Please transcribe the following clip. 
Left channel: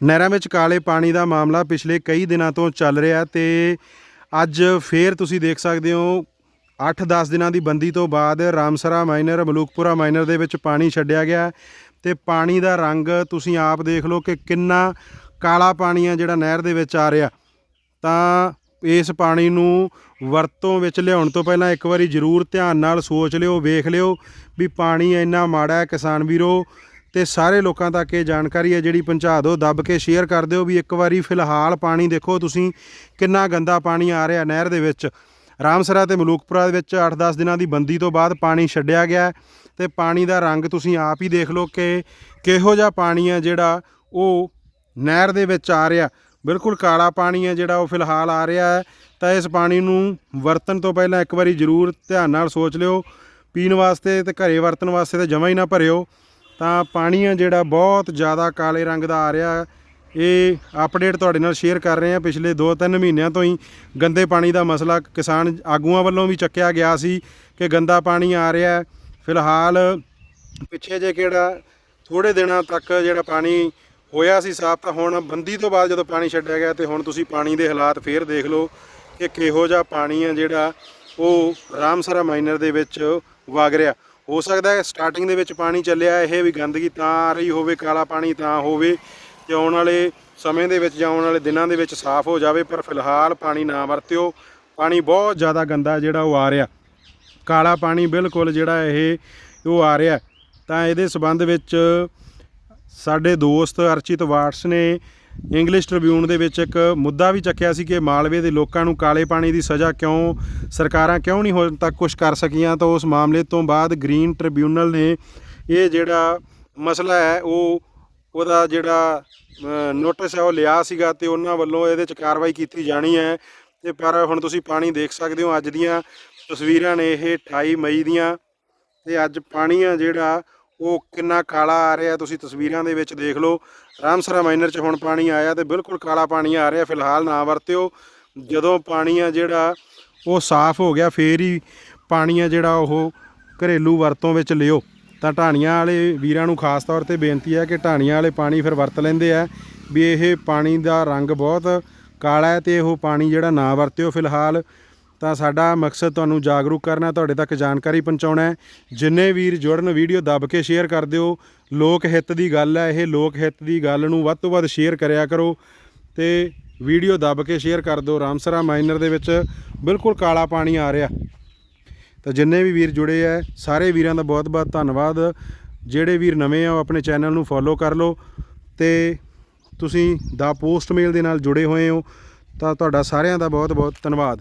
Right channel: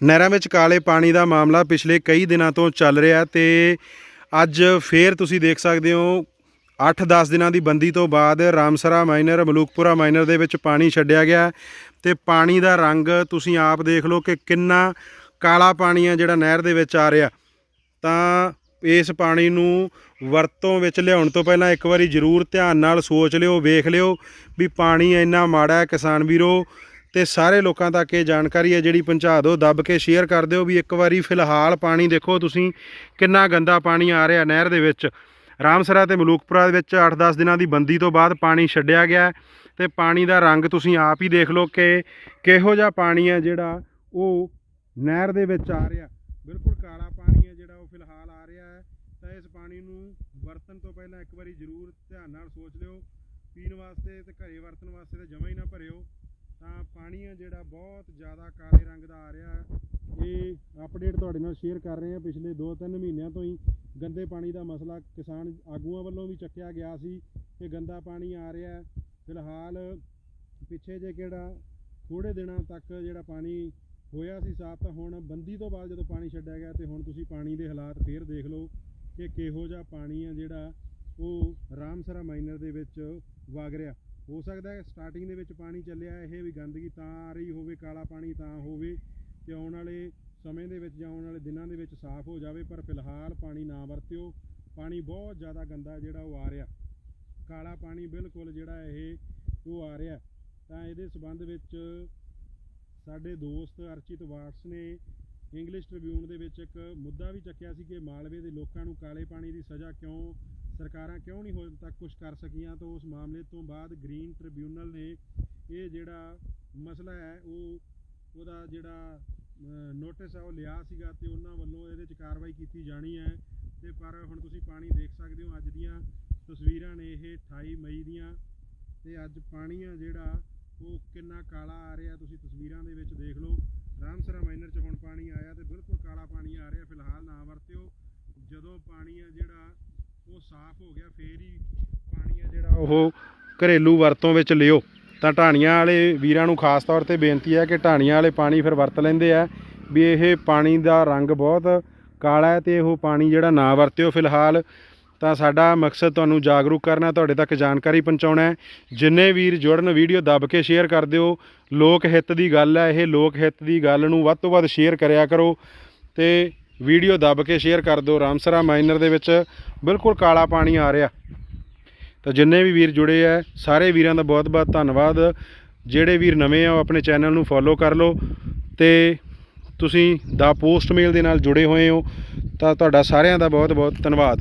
ਨਹਿਰਾਂ ਵਿੱਚ ਕਾਲੇ ਪਾਣੀ ਦਾ ਮਾਮਲਾ ਪਿਛਲੇ ਕਈ ਦਿਨਾਂ ਤੋਂ ਚੱਲ ਰਿਹਾ ਤੇ ਅੱਜ ਫੇਰ ਤੁਸੀਂ ਦੇਖ ਸਕਦੇ ਹੋ 8-10 ਦਿਨਾਂ ਦੀ ਬੰਦੀ ਤੋਂ ਬਾਅਦ ਰਾਮਸਰਾ ਮਾਈਨਰ, ਮਲੂਕਪੁਰਾ ਮਾਈਨਰ ਦੇ ਵਿੱਚ ਪਾਣੀ ਛੱਡਿਆ ਗਿਆ ਤੇ ਪਾਣੀ ਦਾ ਰੰਗ ਤੁਸੀਂ ਆਪ ਦੇਖ ਲਓ ਕਿ ਕਿੰਨਾ ਕਾਲਾ ਪਾਣੀ ਆ ਜਿਹੜਾ ਨਹਿਰ ਦੇ ਵਿੱਚ ਆ ਰਿਹਾ। ਤਾਂ ਇਸ ਪਾਣੀ ਨੂੰ ਵਰਤੋਂ ਵਿੱਚ ਲਿਆਉਣ ਤੋਂ ਪਹਿਲਾਂ ਇੱਕ ਵਾਰੀ ਜ਼ਰੂਰ ਧਿਆਨ ਨਾਲ ਸੋਚ ਲਿਓ, ਵੇਖ ਲਿਓ ਵੀ ਪਾਣੀ ਇੰਨਾ ਮਾੜਾ ਹੈ ਕਿਸਾਨ ਵੀਰੋ। ਤੇ ਸਾਰੇ ਲੋਕਾਂ ਤੱਕ ਇਹ ਜਾਣਕਾਰੀ ਹੈ ਜਿਹੜੀ ਪਹੁੰਚਾ ਦਿਓ, ਦੱਬ ਕੇ ਸ਼ੇਅਰ ਕਰ ਦਿਓ ਵੀ ਇੱਕ ਵਾਰੀ ਫਿਲਹਾਲ ਪਾਣੀ ਦੇਖੋ ਤੁਸੀਂ ਕਿੰਨਾ ਗੰਦਾ ਪਾਣੀ ਆ ਰਿਹਾ ਨਹਿਰ ਦੇ ਵਿੱਚ। ਰਾਮਸਰਾ ਤੇ ਮਲੂਕਪੁਰਾ ਦੇ ਵਿੱਚ 8-10 ਦਿਨਾਂ ਦੀ ਬੰਦੀ ਤੋਂ ਬਾਅਦ ਪਾਣੀ ਛੱਡਿਆ ਗਿਆ ਹੈ ਤੇ ਪਾਣੀ ਦਾ ਰੰਗ ਤੁਸੀਂ ਆਪ ਹੀ ਦੇਖ ਲਓ ਕਿ ਕਿਹੋ ਜਿਹਾ ਪਾਣੀ ਹੈ ਜਿਹੜਾ ਉਹ ਨਹਿਰ ਦੇ ਵਿੱਚ ਆ ਰਿਹਾ। ਬਿਲਕੁਲ ਕਾਲਾ ਪਾਣੀ ਹੈ ਜਿਹੜਾ ਉਹ ਫਿਲਹਾਲ ਆ ਰਿਹਾ ਹੈ। ਤਾਂ ਇਸ ਪਾਣੀ ਨੂੰ ਵਰਤਣ ਤੋਂ ਪਹਿਲਾਂ ਇੱਕ ਵਾਰੀ ਜ਼ਰੂਰ ਧਿਆਨ ਨਾਲ ਸੋਚ ਲਿਓ। ਪੀਣ ਵਾਸਤੇ ਤੇ ਘਰੇ ਵਰਤਣ ਵਾਸਤੇ ਤੇ ਜਮਾ ਹੀ ਨਾ ਭਰਿਓ। ਤਾਂ ਪਾਣੀ ਆ ਜਿਹੜਾ ਬਹੁਤ ਜ਼ਿਆਦਾ ਕਾਲੇ ਰੰਗ ਦਾ ਆ ਰਿਹਾ, ਇਹ ਅਪਡੇਟ ਤੁਹਾਡੇ ਨਾਲ ਸ਼ੇਅਰ ਕਰ ਰਹੇ ਹਾਂ। ਪਿਛਲੇ 2-3 ਮਹੀਨਿਆਂ ਤੋਂ ਹੀ ਗੰਦੇ ਪਾਣੀ ਦਾ ਮਸਲਾ ਕਿਸਾਨ ਆਗੂਆਂ ਵੱਲੋਂ ਵੀ ਚੱਕਿਆ ਗਿਆ ਸੀ ਕਿ ਗੰਦਾ ਪਾਣੀ ਆ ਰਿਹਾ ਫਿਲਹਾਲ ਪਿੱਛੇ ਜੇ ਕਿਹੜਾ ਥੋੜੇ ਦਿਨਾਂ ਤੱਕ ਜਿਹੜਾ ਪਾਣੀ ਹੋਇਆ ਸੀ ਸਾਫ਼, ਤਾਂ ਹੁਣ ਬੰਦੀ ਤੋਂ ਬਾਅਦ ਜਦੋਂ ਪਾਣੀ ਛੱਡਿਆ ਗਿਆ ਤੇ ਹੁਣ ਤੁਸੀਂ ਪਾਣੀ ਦੇ ਹਾਲਾਤ ਫੇਰ ਦੇਖ ਲਓ ਕਿ ਕਿਹੋ ਜਿਹਾ ਪਾਣੀ ਆ ਜਿਹੜਾ ਉਹ ਰਾਮਸਰਾ ਮਾਈਨਰ ਦੇ ਵਿੱਚ ਵਗ ਰਿਹਾ। ਹੋ ਸਕਦਾ ਹੈ ਸਟਾਰਟਿੰਗ ਦੇ ਵਿੱਚ ਪਾਣੀ ਚੱਲਿਆ, ਇਹ ਵੀ ਗੰਦਗੀ ਤਾਂ ਆ ਰਹੀ ਹੋਵੇ, ਕਾਲਾ ਪਾਣੀ ਤਾਂ ਹੋਵੇ, ਤੇ ਆਉਣ ਵਾਲੇ ਸਮੇਂ ਦੇ ਵਿੱਚ ਜਾਂ ਆਉਣ ਵਾਲੇ ਦਿਨਾਂ ਦੇ ਵਿੱਚ ਸਾਫ਼ ਹੋ ਜਾਵੇ, ਪਰ ਫਿਲਹਾਲ ਪਾਣੀ ਨਾ ਵਰਤਿਓ। ਪਾਣੀ ਬਹੁਤ ਜ਼ਿਆਦਾ ਗੰਦਾ ਜਿਹੜਾ ਉਹ ਆ ਰਿਹਾ। ਕਾਲਾ ਪਾਣੀ ਬਿਲਕੁਲ ਜਿਹੜਾ ਇਹ, ਉਹ ਆ ਰਿਹਾ ਤਾਂ ਇਹਦੇ ਸਬੰਧ ਵਿੱਚ ਸਾਡੇ ਦੋਸਤ ਅਰਚਿਤ ਵਾਟਸ ਨੇ ਇੰਗਲਿਸ਼ ਟ੍ਰਿਬਿਊਨ ਦੇ ਵਿੱਚ ਇੱਕ ਮੁੱਦਾ ਵੀ ਚੱਕਿਆ ਸੀ ਕਿ ਮਾਲਵੇ ਦੇ ਲੋਕਾਂ ਨੂੰ ਕਾਲੇ ਪਾਣੀ ਦੀ ਸਜ਼ਾ ਕਿਉਂ, ਸਰਕਾਰਾਂ ਕਿਉਂ ਨਹੀਂ ਹੁਣ ਤੱਕ ਕੁਝ ਕਰ ਸਕੀਆਂ, ਤਾਂ ਉਸ ਮਾਮਲੇ ਤੋਂ ਬਾਅਦ ਗ੍ਰੀਨ ਟ੍ਰਿਬਿਊਨਲ ਨੇ ਇਹ ਜਿਹੜਾ ਮਸਲਾ ਹੈ, ਉਹ ਉਹਦਾ ਜਿਹੜਾ ਨੋਟਿਸ ਹੈ, ਉਹ ਲਿਆ ਸੀਗਾ ਤੇ ਉਹਨਾਂ ਵੱਲੋਂ ਇਹਦੇ 'ਚ ਕਾਰਵਾਈ ਕੀਤੀ ਜਾਣੀ ਹੈ। ਤੇ ਪਰ ਹੁਣ ਤੁਸੀਂ ਪਾਣੀ ਦੇਖ ਸਕਦੇ ਹੋ, ਅੱਜ ਦੀਆਂ ਤਸਵੀਰਾਂ ਨੇ ਇਹ 28 ਮਈ ਦੀਆਂ ਤੇ ਅੱਜ ਪਾਣੀ ਆ ਜਿਹੜਾ ਉਹ ਕਿੰਨਾ ਕਾਲਾ ਆ ਰਿਹਾ, ਤੁਸੀਂ ਤਸਵੀਰਾਂ ਦੇ ਵਿੱਚ ਦੇਖ ਲਓ। ਰਾਮਸਰਾ ਮਾਈਨਰ 'ਚ ਹੁਣ ਪਾਣੀ ਆਇਆ ਤੇ ਬਿਲਕੁਲ ਕਾਲਾ ਪਾਣੀ ਆ ਰਿਹਾ, ਫਿਲਹਾਲ ਨਾ ਵਰਤਿਓ। ਜਦੋਂ ਪਾਣੀ ਆ ਜਿਹੜਾ, ਉਹ ਸਾਫ਼ ਹੋ ਗਿਆ, ਫੇਰ ਹੀ ਪਾਣੀ ਆ ਜਿਹੜਾ ਉਹ ਘਰੇਲੂ ਵਰਤੋਂ ਵਿੱਚ ਲਿਓ। ਤਾਂ ਢਾਣੀਆਂ ਵਾਲੇ ਵੀਰਾਂ ਨੂੰ ਖਾਸ ਤੌਰ ਤੇ ਬੇਨਤੀ ਹੈ ਕਿ ਢਾਣੀਆਂ ਵਾਲੇ ਪਾਣੀ ਫਿਰ ਵਰਤ ਲੈਂਦੇ ਆ, ਵੀ ਇਹ ਪਾਣੀ ਦਾ ਰੰਗ ਬਹੁਤ ਕਾਲਾ ਹੈ ਤੇ ਉਹ ਪਾਣੀ ਜਿਹੜਾ ਨਾ ਵਰਤਿਓ ਫਿਲਹਾਲ। ਤਾਂ ਸਾਡਾ ਮਕਸਦ ਤੁਹਾਨੂੰ ਜਾਗਰੂਕ ਕਰਨਾ, ਤੁਹਾਡੇ ਤੱਕ ਜਾਣਕਾਰੀ ਪਹੁੰਚਾਉਣਾ ਹੈ। ਜਿੰਨੇ ਵੀਰ ਜੁੜਨ ਵੀਡੀਓ ਦੱਬ ਕੇ ਸ਼ੇਅਰ ਕਰ ਦਿਓ, ਲੋਕ ਹਿੱਤ ਦੀ ਗੱਲ ਹੈ, ਇਹ ਲੋਕ ਹਿੱਤ ਦੀ ਗੱਲ ਨੂੰ ਵੱਧ ਤੋਂ ਵੱਧ ਸ਼ੇਅਰ ਕਰਿਆ ਕਰੋ ਤੇ ਵੀਡੀਓ ਦੱਬ ਕੇ ਸ਼ੇਅਰ ਕਰ ਦਿਓ। ਰਾਮਸਰਾ ਮਾਈਨਰ ਦੇ ਵਿੱਚ ਬਿਲਕੁਲ ਕਾਲਾ ਪਾਣੀ ਆ ਰਿਹਾ। ਤਾਂ ਜਿੰਨੇ ਵੀ ਵੀਰ ਜੁੜੇ ਆ ਸਾਰੇ ਵੀਰਾਂ ਦਾ ਬਹੁਤ-ਬਹੁਤ ਧੰਨਵਾਦ। ਜਿਹੜੇ ਵੀਰ ਨਵੇਂ ਆ, ਉਹ ਆਪਣੇ ਚੈਨਲ ਨੂੰ ਫੋਲੋ ਕਰ ਲਓ ਤੇ ਤੁਸੀਂ ਦਾ ਪੋਸਟ ਮੇਲ ਦੇ ਨਾਲ ਜੁੜੇ ਹੋਏ ਹੋ, ਤਾਂ ਤੁਹਾਡਾ ਸਾਰਿਆਂ ਦਾ ਬਹੁਤ-ਬਹੁਤ ਧੰਨਵਾਦ।